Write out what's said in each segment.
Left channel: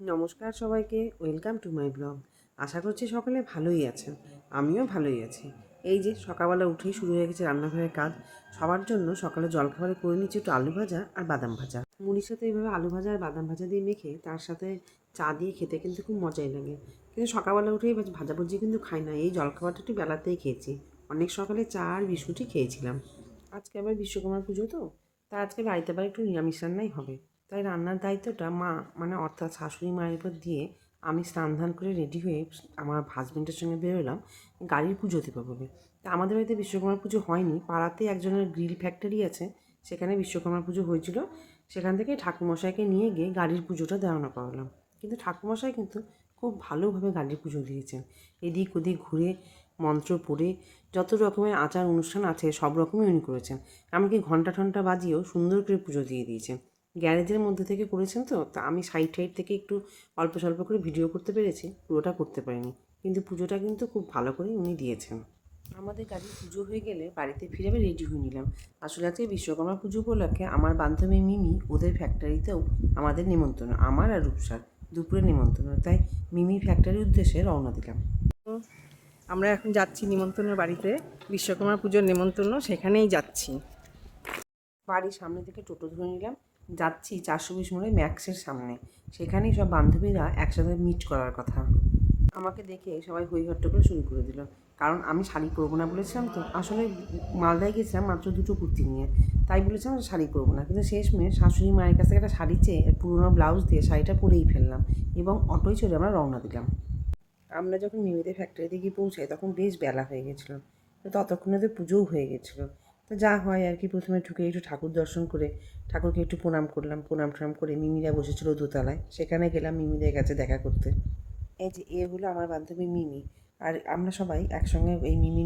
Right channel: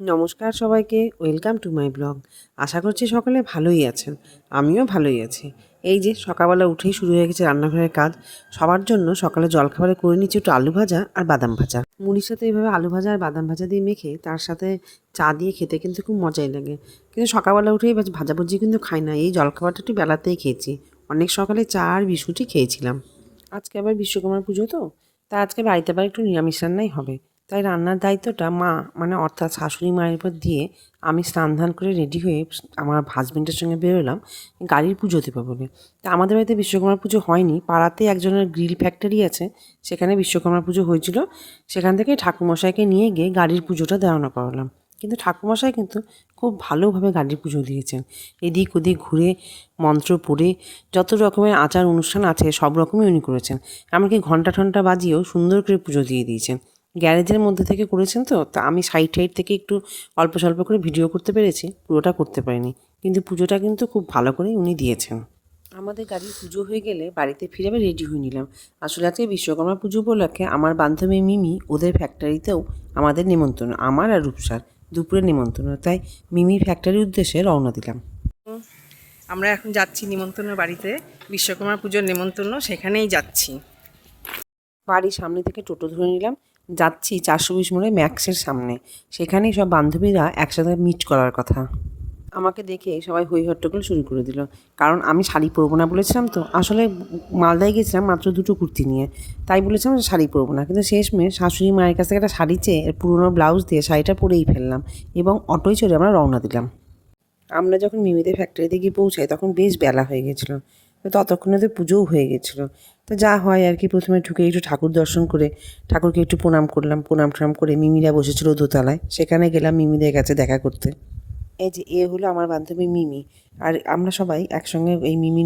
নমস্কার সবাইকে, welcome to my blog. আশা করছি সকলে ভালোই আছেন, আমিও ভালোই আছি। এই যে সকালবেলা উঠেই শুরু হয়ে গেছে রান্নাঘরের কাজ। সবার জন্য সকালে জলখাবারে করে নিচ্ছি একটু আলু ভাজা আর বাদাম ভাজা। মুড়ির সাথে এইভাবে আলু ভাজা আর বাদাম ভাজা দিয়ে মেখে তার সাথে চা দিয়ে খেতে কিন্তু খুব মজাই লাগে। কিন্তু সকালবেলা উঠেই ভাজাভুজি কিন্তু খাই না, এই জলখাবারটা একটু বেলাতেই খেয়েছি। অনেক সকালে চা আর বিস্কুটই খেয়েছিলাম। আজকে আবার বিশ্বকর্মা পুজো তো, তা আজকে বাড়িতে আবার একটু নিরামিষ রান্নাই হবে। তাই রান্নার দায়িত্বটা মা অর্থাৎ শাশুড়ি মায়ের উপর দিয়ে আমি স্নান ধান করে রেডি হয়ে আমার হাজবেন্ডের সঙ্গে বেরোলাম গাড়ির পুজো দেবো বলে। তা আমাদের বাড়িতে বিশ্বকর্মা পুজো হয়নি, পাড়াতে একজনের গ্রিল ফ্যাক্টরি আছে, সেখানে বিশ্বকর্মা পুজো হয়েছিল। সেখান থেকে ঠাকুরমশাইকে নিয়ে গিয়ে গাড়ির পুজোটা দেওয়ানো করালাম। কিন্তু ঠাকুরমশাই কিন্তু খুব ভালোভাবে গাড়ির পুজো দিয়েছেন। এদিক ওদিক ঘুরে মন্ত্র পড়ে যত রকমের আচার অনুষ্ঠান আছে সব রকমই উনি করেছেন। এমনকি ঘণ্টা ঠন্টা বাজিয়েও সুন্দর করে পুজো দিয়ে দিয়েছেন। গ্যারেজের মধ্যে থেকে করেছেন তো, তা আমি সাইড থেকে একটু অল্প স্বল্প করে ভিডিও করতে পেরেছি, পুরোটা করতে পারিনি। কিন্তু পুজোটা কিন্তু খুব ভালো করেই উনি দিয়েছেন। আমাদের গাড়ির পুজো হয়ে গেলে বাড়িতে ফিরে আবার রেডি হয়ে নিলাম। আসলে আজকে বিশ্বকর্মা পুজো উপলক্ষে আমার বান্ধবী মিমি ওদের ফ্যাক্টরিতেও আমাদের নিমন্ত্রণ, আমার আর রূপসার দুপুরে নিমন্ত্রণ, তাই মিমির ফ্যাক্টরির উদ্দেশ্যে রওনা দিলাম। আমরা এখন যাচ্ছি নিমন্ত্রণের বাড়িতে, বিশ্বকর্মা পুজোর নিমন্ত্রণ, সেখানেই যাচ্ছি। বাড়ির সামনে থেকে টোটো ধরে নিলাম, যাচ্ছি 420 মোড়ে ম্যাক্সের সামনে। সেখানেই সব বান্ধবীরা একসাথে মিট করার কথা। আমাকে দেখে সবাই হই হট্টগোল শুরু করে দিল, কারণ আমি শাড়ি পরবো না বলেছিলাম। তো আসলে মালদায় গেছিলাম মাত্র 2টো কুর্তি নিয়ে, তাই বলেছিলাম যে শাড়ি পরবো না। কিন্তু শেষমেশ শাশুড়ি মায়ের কাছ থেকে একটা শাড়ি চেয়ে পুরোনো ব্লাউজ দিয়ে শাড়িটা পরেই ফেললাম এবং অটোয় চড়ে আমরা রওনা দিলাম। আমরা যখন মিমিদের ফ্যাক্টরিতে গিয়ে পৌঁছাই তখন বেশ বেলা হয়ে গেছিলো, তো ততক্ষণে তো পুজোও হয়ে গেছিলো। তো যা হয় আর কি, প্রথমে ঢুকে একটু ঠাকুর দর্শন করে ঠাকুরকে একটু প্রণাম করলাম। প্রণাম টনাম করে মিমিরা বসেছিল দোতলায়, সেখানে গেলাম মিমিদের কাছে দেখা করতে। এই যে হলো আমার বান্ধবী মিমি, আর আমরা সবাই একসঙ্গে, এই মিমি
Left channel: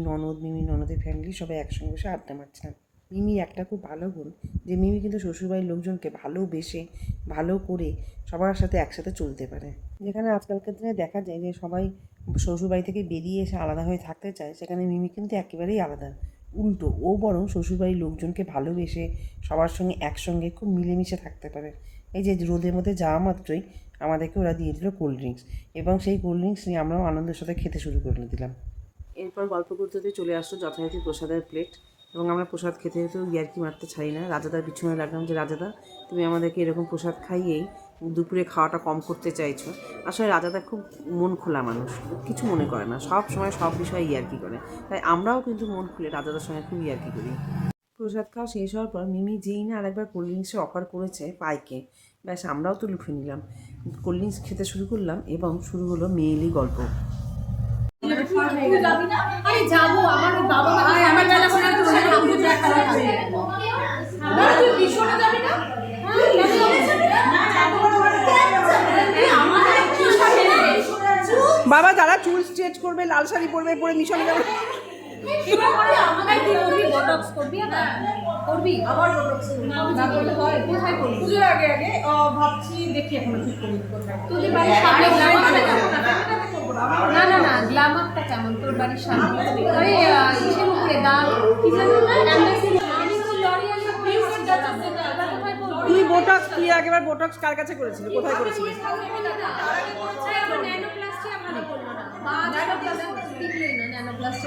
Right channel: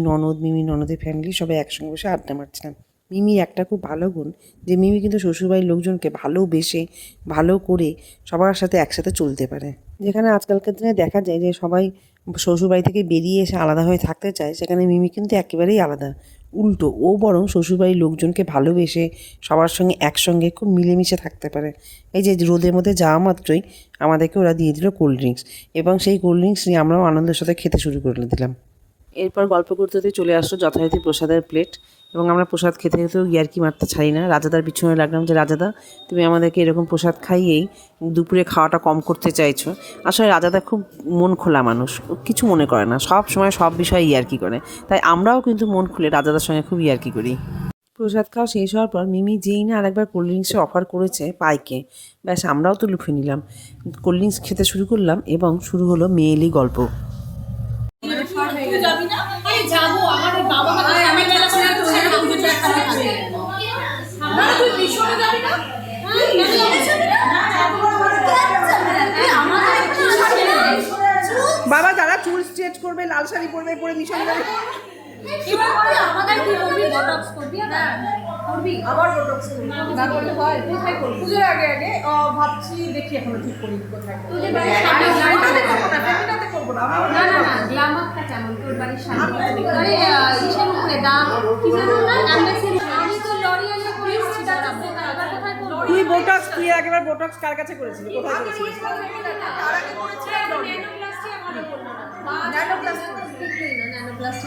ননদের ফ্যামিলি সবাই একসঙ্গে বসে আড্ডা মারছিলাম। মিমির একটা খুব ভালো গুণ যে মিমি কিন্তু শ্বশুরবাড়ির লোকজনকে ভালোবেসে ভালো করে সবার সাথে একসাথে চলতে পারে। যেখানে আজকালকার দিনে দেখা যায় যে সবাই শ্বশুরবাড়ি থেকে বেরিয়ে এসে আলাদা হয়ে থাকতে চায়, সেখানে মিমি কিন্তু একেবারেই আলাদা। উল্টো, ও বরং শ্বশুরবাড়ির লোকজনকে ভালোবেসে সবার সঙ্গে একসঙ্গে খুব মিলেমিশে থাকতে পারে। এই যে রোদের মধ্যে যাওয়া মাত্রই আমাদেরকে ওরা দিয়ে দিল কোল্ড ড্রিঙ্কস, এবং সেই কোল্ড ড্রিঙ্কস নিয়ে আমরাও আনন্দের সাথে খেতে শুরু করে দিলাম। এরপর গল্প করতে চলে আসলো যথারীতি প্রসাদের প্লেট, এবং আমরা প্রসাদ খেতে খেতেও ইয়ার্কি মারতে ছাড়ি না। রাজাদার পিছনে লাগলাম যে, রাজাদা তুমি আমাদেরকে এরকম প্রসাদ খাইয়েই দুপুরে খাওয়াটা কম করতে চাইছো। আসলে রাজাদা খুব মন খোলা মানুষ, কিছু মনে করে না, সব সময় সব বিষয়ে ইয়ার্কি করে। তাই আমরাও কিন্তু মন খুলে রাজাদার সঙ্গে খুব ইয়ার্কি করি। প্রসাদ খাওয়া শেষ হওয়ার পর মিমি যেই না আরেকবার কোল্ড ড্রিঙ্কসে অফার করেছে পাইকে, ব্যাস আমরাও তো লুফে নিলাম, কোল্ড ড্রিঙ্কস খেতে শুরু করলাম এবং শুরু হলো মেয়েলি গল্প। বাবা যারা চুল স্ট্রেট করবে, লাল শাড়ি পরবে, পরে মিশনে যাবে। পুজোর আগে ভাবছি, দেখি এখনো ঠিক করি কোথায়। তুই বোটক্স, তুই আগেবার বোটক্স কার কাছে করেছিলি, কোথায় করেছিলি?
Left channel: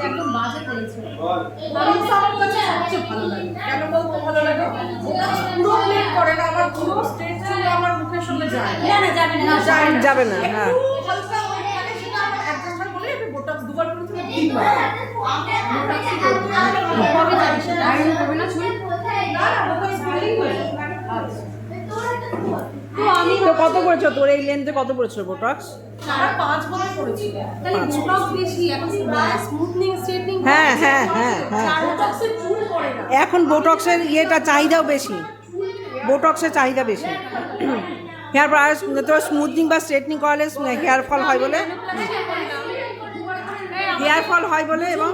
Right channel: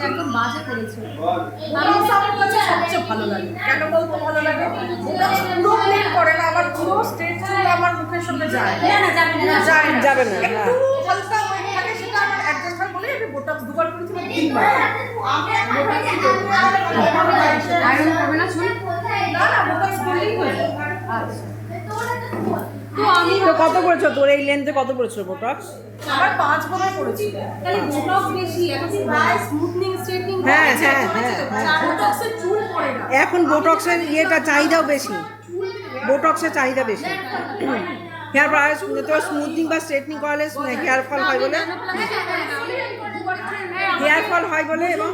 একদম বাজে করেছে। ভালো লাগে কেন বলতে, ভালো লাগে ওটা পুরো প্লেন করে না, আমার পুরো স্ট্রেট চুল আমার মুখের সঙ্গে যায় না, যাবে না। হ্যাঁ, হালকা ওই থাকে, সেটা আমার একজনবার বলে আমি বোটক্স দুবার করেছি, তিনবার। তো কত করেছো তোর এই লেন্থে, কত করেছো বোটক্স? আমার 5 বোধহয় করেছি। হ্যাঁ হ্যাঁ হ্যাঁ হ্যাঁ, এখন বোটক্সের ইয়েটা চাহিদাও বেশি, বোটক্সের চাহিদা বেশি। হেয়ার ব্রাশ, তোর স্মুথনিং বা স্ট্রেটনিং করালে হেয়ার ফল হয় বলে, এবং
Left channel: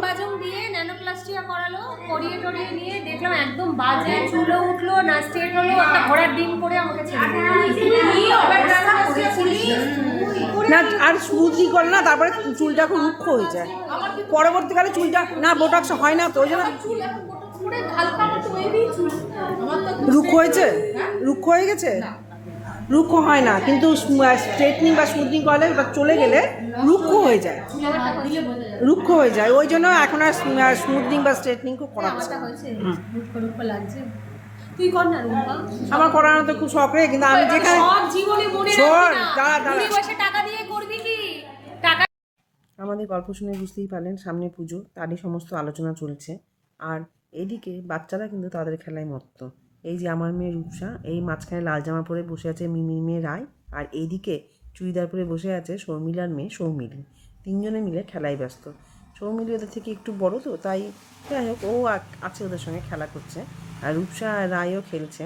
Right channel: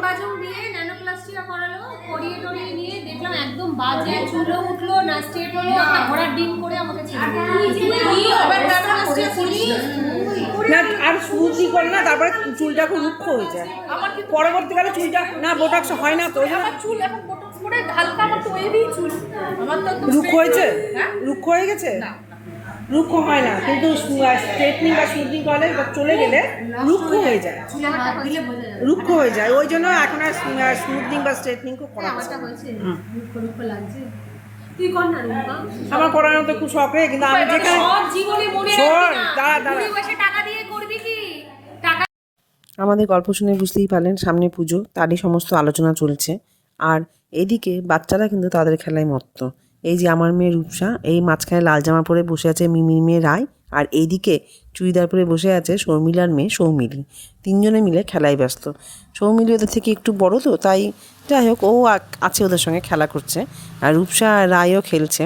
একদম বাজে, চুলও উঠলো না, স্ট্রেট হলো, একটা ঘোড়ার ডিম করে আমাকে ছেড়ে না, আর স্মুথলি করে না, তারপরে চুলটা খুব রুক্ষ হয়ে যায় পরবর্তীকালে। চুলটা না বোটক্স হয় না তো, ওই জন্য রুক্ষ হয়েছে, রুক্ষ হয়ে গেছে। রুক্ষ হয় না, কিন্তু স্ট্রেটনিং বা স্মুথনিং করলে বা চলে গেলে রুক্ষ হয়ে যায়, চুলে হাত দিলে বোঝা যাবে রুক্ষ হয়ে যায়। ওই জন্য এখন আর স্মুথনিং বা স্ট্রেটনিং করাচ্ছে না। মুখ লাগছে তুই কর না রুমকা আমার করানো তো খুব শখ রে, কিন্তু আমি যেখানে সব জীবনে মনে শোন, রাখবি না দাঁড়া দাঁড়া, তুই বসে টাকা দিয়ে করবি কি টাকা আমাদের গল্প শুনে বুঝতেই পারলেন সামনে পুজো, তারই সমস্ত আলোচনা চলছে। আর এদিকে বাচ্চারা কিন্তু তাদের খেলায় মত্ত। এই যে আমার মেয়ে রূপসা, এই মাঝখানে লাল জামা পরে বসে আছে মিমির মেয়ে রায়, আর এইদিকে চুড়িদার পরে বসে আছে শর্মিলার মেয়ে সৌমিলি। তিনজনে মিলে খেলায় ব্যস্ত। সৌমিলি ওদের থেকে একটু বড় তো, তাই যাই হোক ও আছে ওদের সঙ্গে খেলা করছে, আর রূপসা আর রায়ও খেলছে।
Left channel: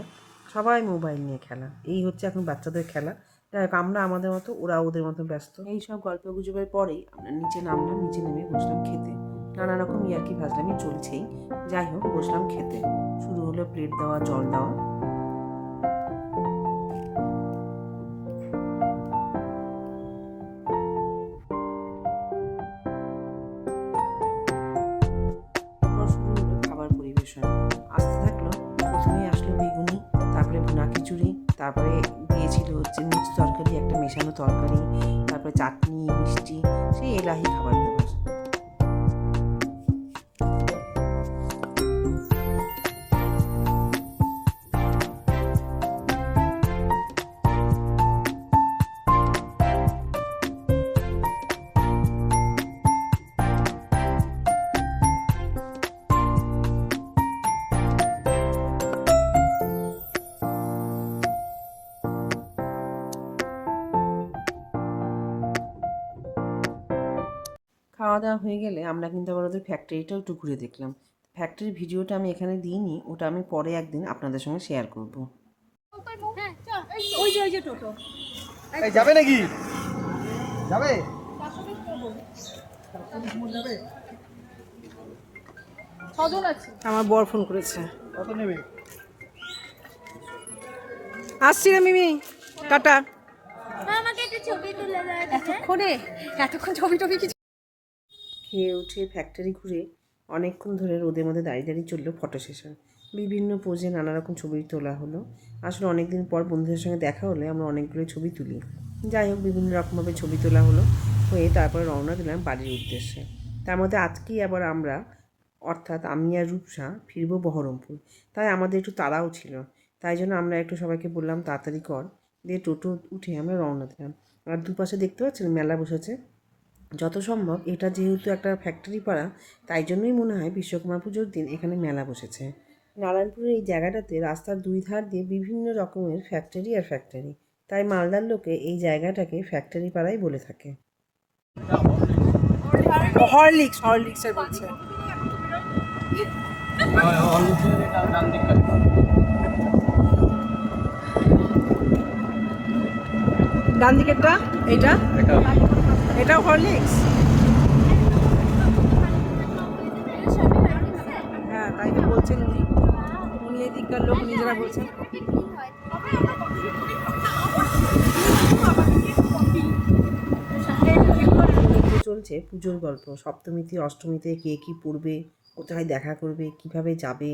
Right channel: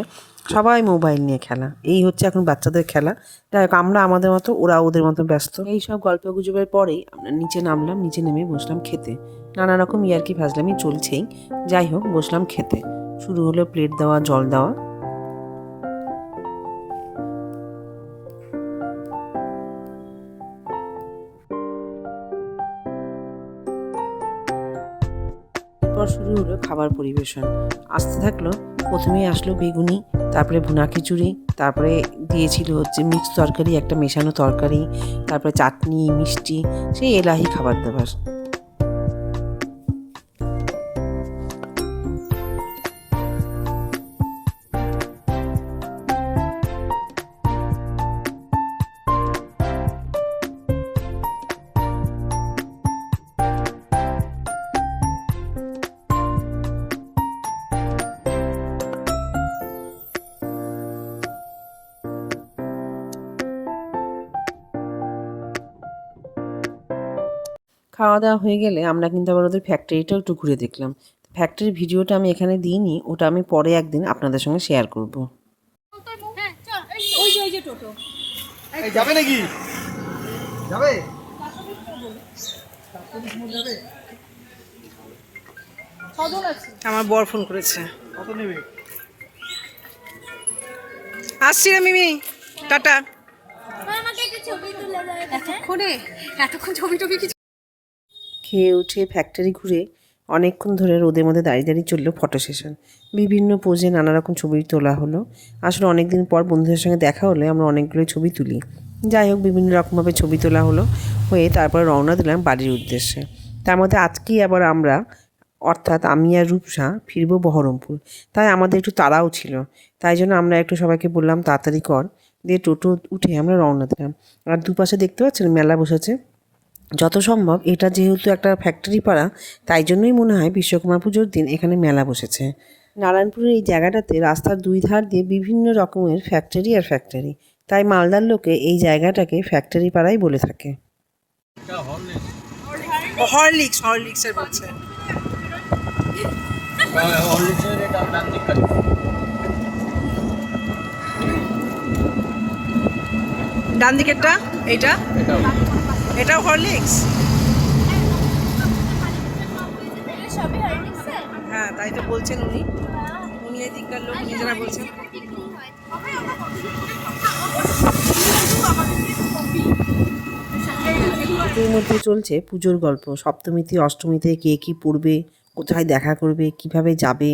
সবাই মোবাইল নিয়ে খেলা, এই হচ্ছে এখন বাচ্চাদের খেলা। যাই হোক আমরা আমাদের মতো, ওরা ওদের মতো ব্যস্ত। এই সব গল্প গুজবের পরেই আমরা নিচে নামলাম, নিচে নেমে বসলাম খেতে। নানা রকম ইয়ার্কি ফাজলামি চলছেই। যাই হোক বসলাম খেতে, শুরু হলো প্লেট দেওয়া, জল দেওয়া। এরপর শুরু হলো খাবার পরিবেশন। আসতে থাকলো, প্রথমেই আসলো বেগুনি, তারপরে ভুনা খিচুড়ি, তারপরে দিয়েছিল হচ্ছে মিক্স তরকারি, একটা মেশানো তরকারি, তারপরে চাটনি, মিষ্টি, সেই এলাহি খাবার দাবার। খাওয়া দাওয়া হয়ে গেলে আমরা কিন্তু আবার ওদের ফ্যাক্টরিটাও একটু ঘুরে দেখলাম। ফ্যাক্টরির ভিডিওটা আমি এখানে দিইনি, ওটা আমি পরে একদিন আপনাদের সঙ্গে শেয়ার করব। ওই যে টোটো যাবে নাকি? যাবে? আমার বর ফোন করেছে, কত নেবে? আসছি রে মিমি, টাটা। এতক্ষণ ছবি টবি কিছু খেয়ে উঠে ফ্যাক্টরি ঘুরে অনেকক্ষণ ধরে রোদের মধ্যে দাঁড়িয়ে দাঁড়িয়ে চললো ফটো সেশন। বিভিন্ন পোজে নানা রকম ছবি তোলা হলো। আসলে অনেক দিন পর বন্ধুদের সঙ্গে দেখা হলে আমরা অনেকগুলোই ছবি তুলি। যাই হোক বিভিন্ন রকমভাবে ছবি তোলা হলো, হয়ে তারপর রওনা দিলাম বাড়ির উদ্দেশ্যে। তার মধ্যে আজকেই আবার আমরা, অর্থাৎ আমি আর রূপসা ফিরবো বহরমপুর। তাই আমাদের একটু তাড়াও ছিল, তাই জন্য আমরা একটু সবাইকে বললাম তাড়াতাড়ি কর, দিয়ে টোটো উঠে আমরা রওনা দিলাম। আর দুপাশে দেখতে পাচ্ছেন মেলা বসেছে। যত সম্ভব এটা যেহেতু একটা ফ্যাক্টরি পাড়া, তাই জন্যই মনে হয় বিশ্বকর্মা পুজোর দিন এখানে মেলা বসেছে। নারায়ণপুরের এই জায়গাটাতে রাস্তার দুই ধার দিয়ে বিভিন্ন রকমের ফ্যাক্টরি আর ফ্যাক্টরি, তাই মালদার লোকে এই জায়গাটাকে ফ্যাক্টরি পাড়াই বলে থাকে। হরলিক্সের বলছে। ডান দিকেরটা এইটা, এটাও হরলিক্স। হ্যাঁ তাই তো বলছেন উনি এদিককার লোক নিজেরা বলছেন। এর মধ্যে চলছে পুজোর গল্প, সপ্তমীতে অষ্টমীতে কে কী পড়বে, কোথায় দেখা করবে, কিভাবে যাবে,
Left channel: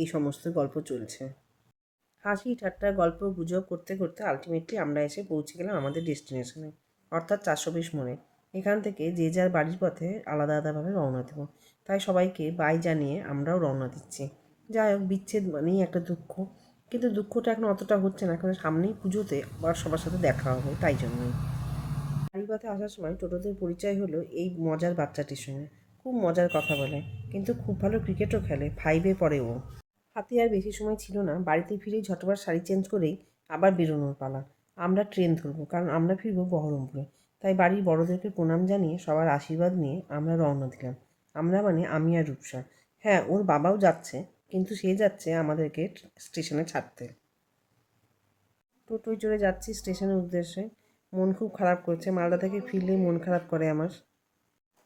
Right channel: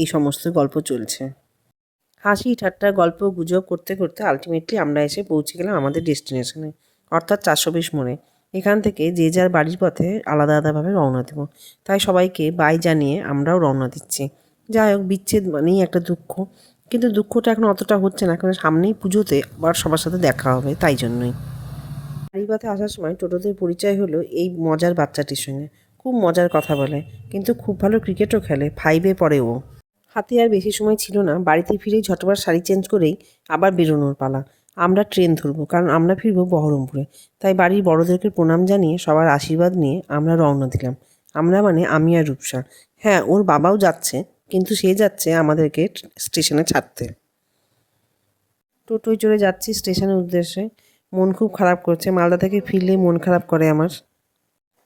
এই সমস্ত গল্প চলছে। হাসি ঠাট্টা গল্প গুজব করতে করতে আলটিমেটলি আমরা এসে পৌঁছে গেলাম আমাদের ডেস্টিনেশনে, অর্থাৎ 420 মোড়ে। এখান থেকে যে যার বাড়ির পথে আলাদা আলাদাভাবে রওনা দেব, তাই সবাইকে বাই জানিয়ে আমরাও রওনা দিচ্ছি। যাই হোক বিচ্ছেদ মানেই একটা দুঃখ, কিন্তু দুঃখটা এখন অতটা হচ্ছে না, কারণ সামনেই পুজোতে আবার সবার সাথে দেখা হবে, তাই জন্যই। বাড়ির পথে আসার সময় টোটোদের পরিচয় হলো এই মজার বাচ্চাটির সঙ্গে। খুব মজার কথা বলে, কিন্তু খুব ভালো ক্রিকেটও খেলে, 5-এ পড়ে ও। হাতে আর বেশি সময় ছিল না, বাড়িতে ফিরেই ঝটপট শাড়ি চেঞ্জ করেই আবার বেরোনোর পালা। আমরা ট্রেন ধরবো, কারণ আমরা ফিরবো বহরমপুরে। তাই বাড়ির বড়োদেরকে প্রণাম জানিয়ে সবার আশীর্বাদ নিয়ে আমরা রওনা দিলাম। আমরা মানে আমি আর রূপসা। হ্যাঁ ওর বাবাও যাচ্ছে, কিন্তু সে যাচ্ছে আমাদেরকে স্টেশনে ছাড়তে। টোটোয় চড়ে যাচ্ছি স্টেশনের উদ্দেশ্যে। মন খুব খারাপ করছে, মালদা থেকে ফিরলেই মন খারাপ করে আমার।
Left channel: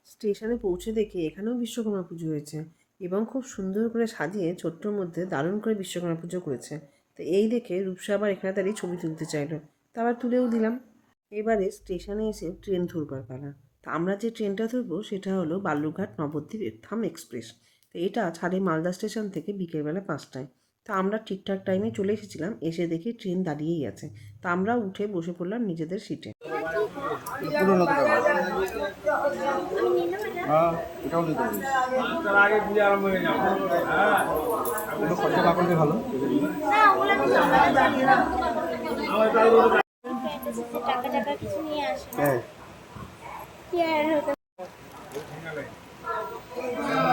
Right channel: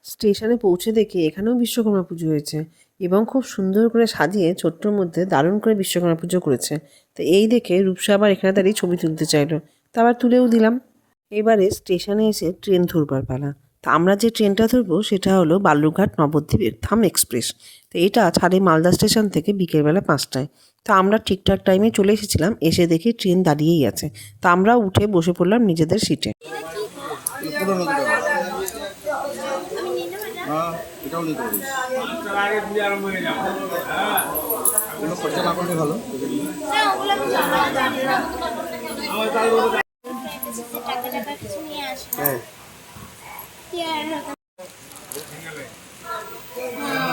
স্টেশনে পৌঁছে দেখি এখানেও বিশ্বকর্মা পুজো হয়েছে, এবং খুব সুন্দর করে সাজিয়ে ছোট্টর মধ্যে দারুণ করে বিশ্বকর্মা পুজো করেছে। তো এই দেখে রূপসা আবার এখানে দাঁড়িয়ে ছবি তুলতে চাইলো, তা আবার তুলেও দিলাম। এবারে স্টেশনে এসে ট্রেন ধরবার পালা। তা আমরা যে ট্রেনটা ধরবো সেটা হলো বালুরঘাট নবদ্বীপ ধাম এক্সপ্রেস। তো এটা ছাড়ে মালদা স্টেশন থেকে বিকেলবেলা 5টায়। তা আমরা ঠিকঠাক টাইমে চলে এসেছিলাম, এসে দেখি ট্রেন দাঁড়িয়েই আছে। তা আমরা উঠে বসে পড়লাম নিজেদের সিটে। পুরোনো দুটো হ্যাঁ এটাও নিতে পারিস কোনো খরচা না করলে ভালো টাকা টাকা কিছু নিয়ে আসে না। হ্যাঁ কি আর হতো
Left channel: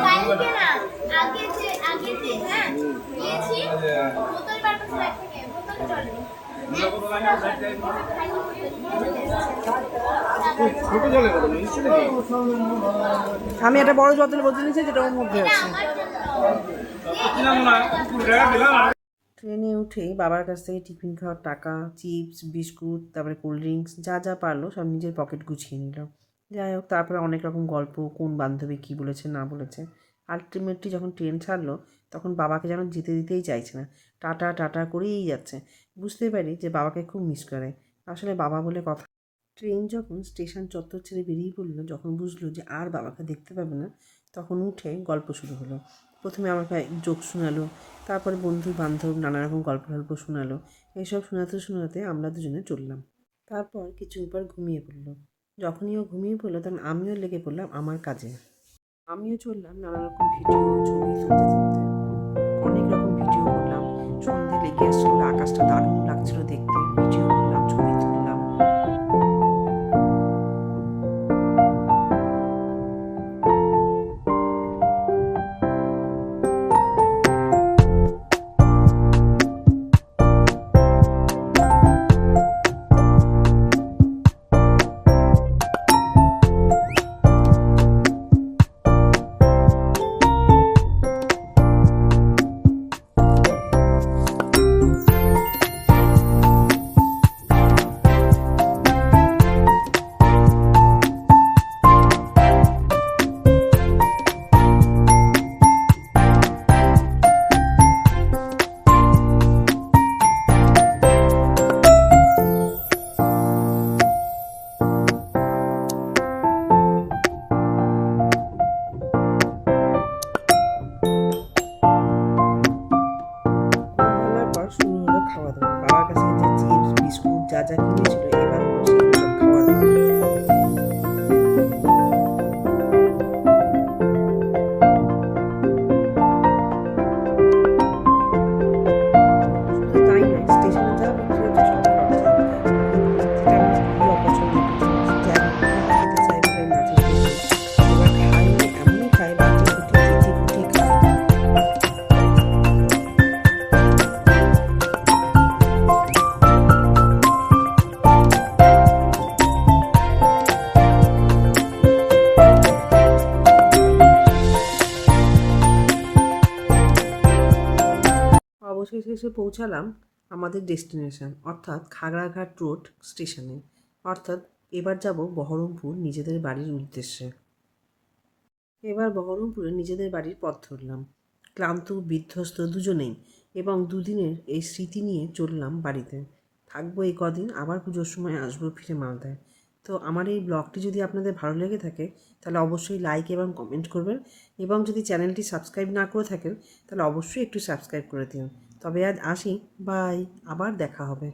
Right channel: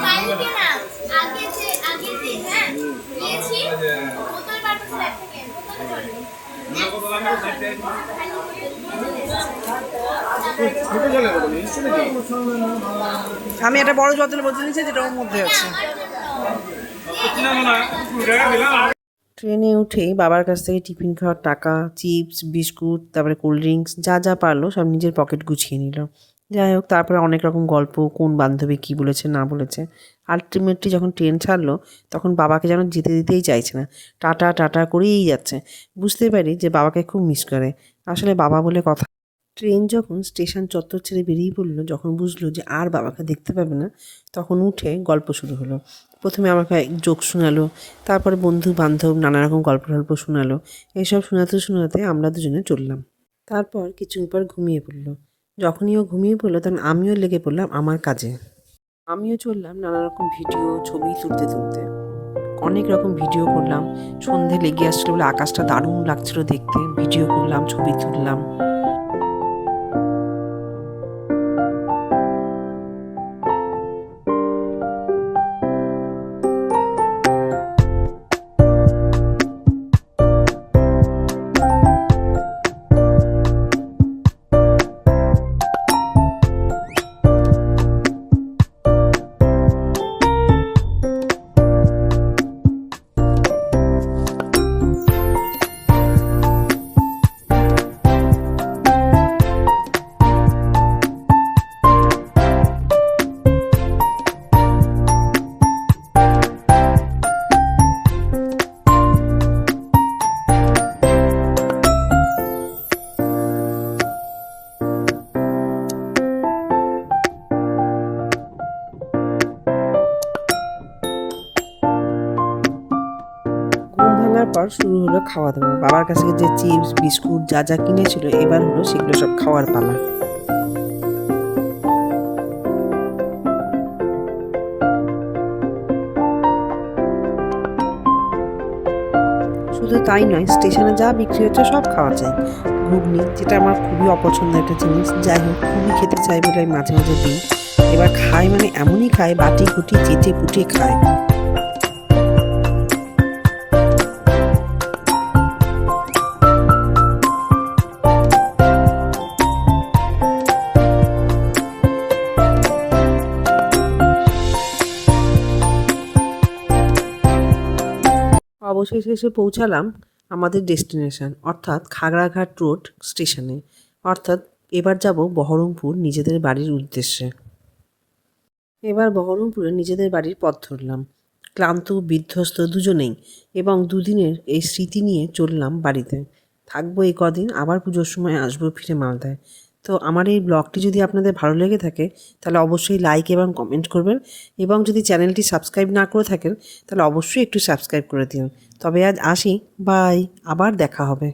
কালকে না আগে যে হ্যাঁ নিয়েছি বোতল পাঠাতে থেকে বোতল করে ছোট জলের কথা নিয়েছি নাকি আমি একটা বড় বোতল নিয়েছি, যেটা ওর মধ্যে আছে। ট্রেনে উঠে বাবার কাছ থেকে টিফিন খাওয়ার টাকা, চিপস, বিস্কুট, তারপরে কোল্ড ড্রিঙ্কস যা যা পারলো সব নিজের পকেট গুছিয়ে নিল। যাই হোক, তারপরে অনেক রকম গল্প, কোন বান্ধবী কী বলেছে না বলেছে। আলটিমেটলি যখন ট্রেন ছাড়লো তখন বাবাকে যেন যেতে দিতেই চাইছে না, টাটা টাটা করেই যাচ্ছে। বুঝতে পারি যে বাবাকে খুব মিস করে। আসলে বাবা বলে কথা। ট্রেন যখন স্টেশন চত্বর ছেড়ে বেরিয়ে পড়লো, যখন বুঝলো যে আর বাবাকে দেখতে পাবে না, তখন উঠে গল্প শুরু হলো। প্রথমে আমাকে জোক শোনালো, তারপরে বন্ধু বান্ধব নানা রকম গল্প শোনালো। এইসব শোনাতে শোনাতে আমরা দুজনে চললাম। তারপর কিছুক্ষণ পর ঘুমিয়ে পড়লো। যখনই ও ঘুমিয়ে পড়লো তখন আমিও লেগে পড়লাম আমার কাজে। আমিও চললাম নানা রকম ভিডিও ছবি তুলতে। অনেক রকম ভিডিও করলাম। সন্ধে লেগে আসছিলো বলে আকাশটা দারুণ লাগছিল দেখতে। ভিডিও করলাম, ছবি তুললাম। পর শুরু হলো খাওয়া দাওয়া। বাবার কাছে যে চিপস বিস্কুট যা যা কিনেছিল, এবার হলো সেগুলো সব খাওয়ার পালা। শুধু তাই নয়, স্টেশনে যা বিক্রি হচ্ছে সব খাওয়া যায়। ঘুগনি, যেটা আমার খুবই অপছন্দের একটা জিনিস, যাই হোক খুবই খেতে চাই বলে আমি মাঝে মাঝে দিই। এবার খাই মানে এমনই খাই, বাটি কুটি চেটে কুটে খায়। অবশেষে এসে পৌঁছালাম আমাদের ডেস্টিনেশন, অর্থাৎ খাগড়াঘাট রোড স্টেশনে। অর্থাৎ এবার যাব বহরমপুর নিজেদের বাড়ির উদ্দেশ্যে। এবার বহরমপুরে নিজেদের বাড়ির পথ ধরলাম, ক্লান্ত বিধ্বস্ত দুজনেই, এবং দুদিনের এই স্মৃতি নিয়ে চললাম বাড়িতে। থাকবো এই কদিন, আবার পুজোর সময় আসবো ফিরে মালদায়। তো আমার এই ব্লগটি যদি আপনাদের ভালো লেগে থাকে তাহলে অবশ্যই লাইক এবং কমেন্ট করবেন, এবং যদি চ্যানেলটি সাবস্ক্রাইব না করে থাকেন তাহলে অবশ্যই একটু সাবস্ক্রাইব করে দিন। তবে আজ আসি, বাই, আবার দেখা হবে।